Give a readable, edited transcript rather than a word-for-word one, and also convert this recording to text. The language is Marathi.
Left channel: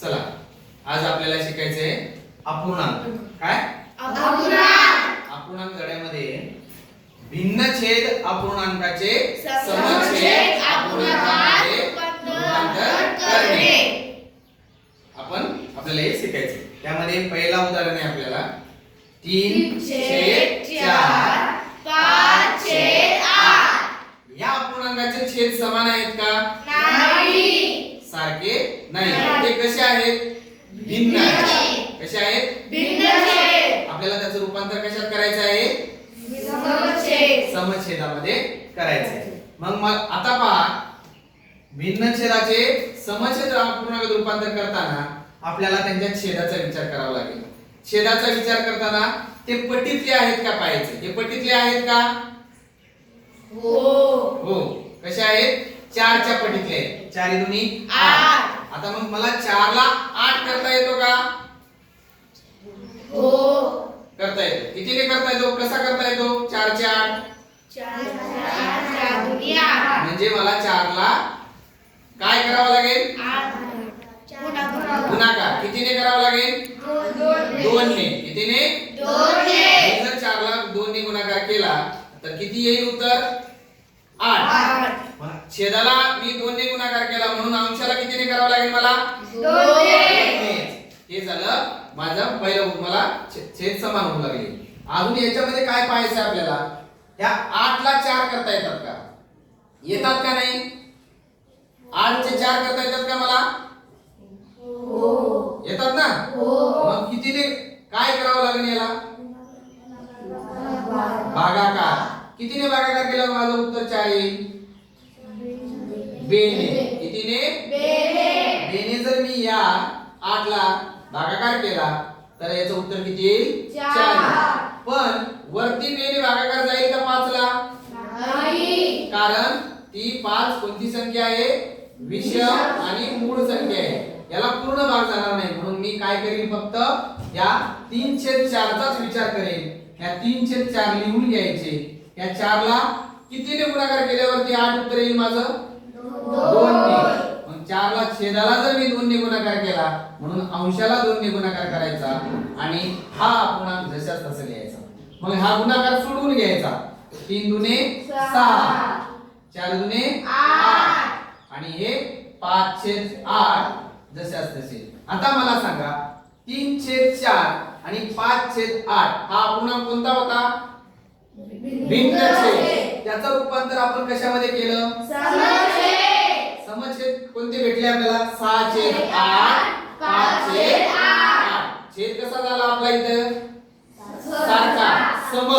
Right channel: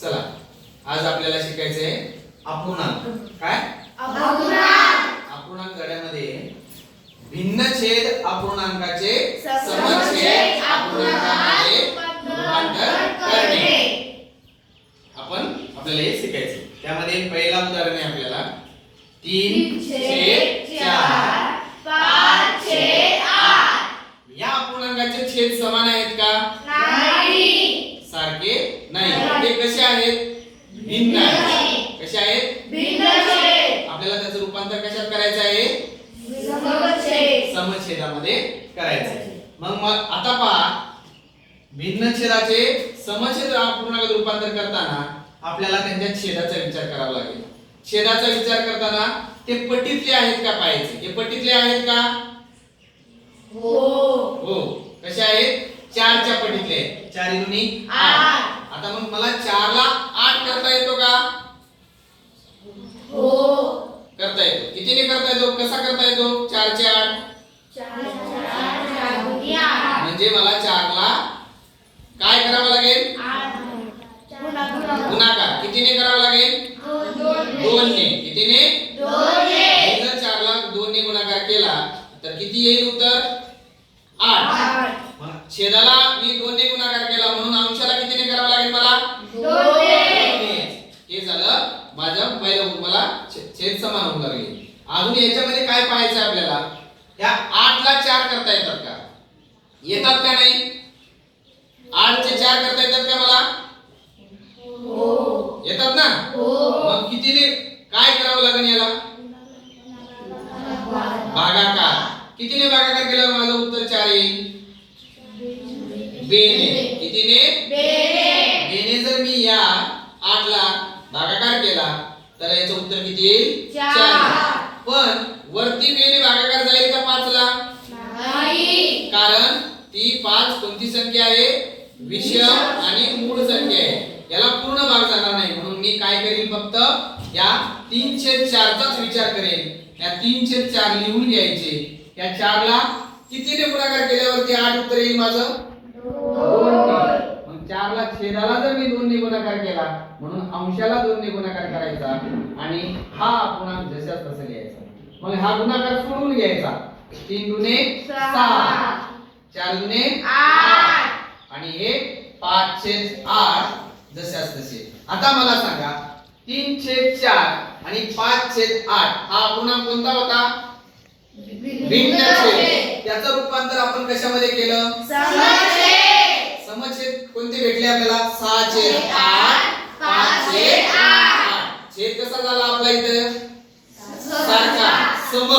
चला आज आपल्याला शिकायचे अपूर्णांक. काय अपूर्णांक धड्यामध्ये भिन्नछेद अपूर्णांकाचे समछेद अपूर्णांकामध्ये रूपांतर करणे आपण आपल्याला हे शिकायचे. त्यामध्ये पहिला उदाहरण आहे आपल्याला 3/4 5/8. या अपूर्णांकाचे छेद समान आहेत का? नाही. सारखे नाही. ते कसे आहेत? भिन्न आहेत. कसे आहेत? भिन्न छेद. आपल्याला त्याचं रूपांतर कशात करायचं आहे? समछेदामध्ये करायचे. मग आता पहा, भिन्न छेदाचे समछेद अपूर्णांकात रूपांतर करताना आपल्याला त्यांच्या छेदाचा विचार करावा लागेल. छेदाचा विचार करताना ते पटीतले आहेत का पाहायचे. हे पटीतले आहेत का? हो. कसे आहेत? 4 च्या पटीतले आहेत. 4 × 8. आता मग मला 4 ला 8 करता येतो का? हो. करता येतो. कितीने करता येतो? कसा करता येतो? 4 चे 8 म्हणजे मला 4 ला काय करावं लागेल? गुणाकार. कितीने करावा लागेल? 2 ने. कितीने? 2 ने. जर 4 ला 2 ने गुणाकार केला तर किती येईल उत्तर? 8. छेदाला मी 2 ने गुणाकार केला म्हणून अंशाला कितीने करावं लागेल मला? 2 ने. हे झालं माझं पहिलं. मला छेद समान होऊ लागले. अजून याच्यामध्ये काय पाहायचं आहे आपल्याला? या 8 ला 4 करता येतात का? येतात का नाही? 8 चे 4 करता येतात का मला? हो. येतात ना? मग कितीने काय करावं लागेल याला? भागाकार. कितीने भागाकार केल्यावर माझं उत्तर 4 येईल? बेने. कितीने? बेने जर मी या 8 ला भागाकार केला तर याचं उत्तर किती येईल? 4. पण वरती बेने भागाकार जाईल का 5 ला? नाही. कारण ती 5 कोणती संख्या आहे? विषम आणि मूळ संख्या आहे. याला पूर्ण भाग जाणार नाही. म्हणून मी काय करेन? फक्त या 3/4 चाच विचार करेन. या 3/4 लिहून घ्यायचे. या 4 ला कितीने गुणाकार केल्यावरती 8 उत्तर येईल माझं? 2 ने. मग 4 ला छेदाला जर मी 2 ने गुणाकार केला म्हणून अंशाला 2 ने गुणाकार करायचा आणि हा अपूर्णांक जशाच तसा लिहायचा. मग हा गुणाकार सोडून घ्यायचा. 3 दुने 6 4 दुने 8 आणि हे 5/8 जशाच तसे. आता मला सांगा 3/4 आणि 5/8 हा अपूर्णांक कोणता होता? भिन्न छेद. त्याचं रूपांतर आपण कशामध्ये केलं? समछेद कोणते भेटले आपल्याला? 6/8 5/8. छेद कसा झाला आपला इथे? सारखा. सम.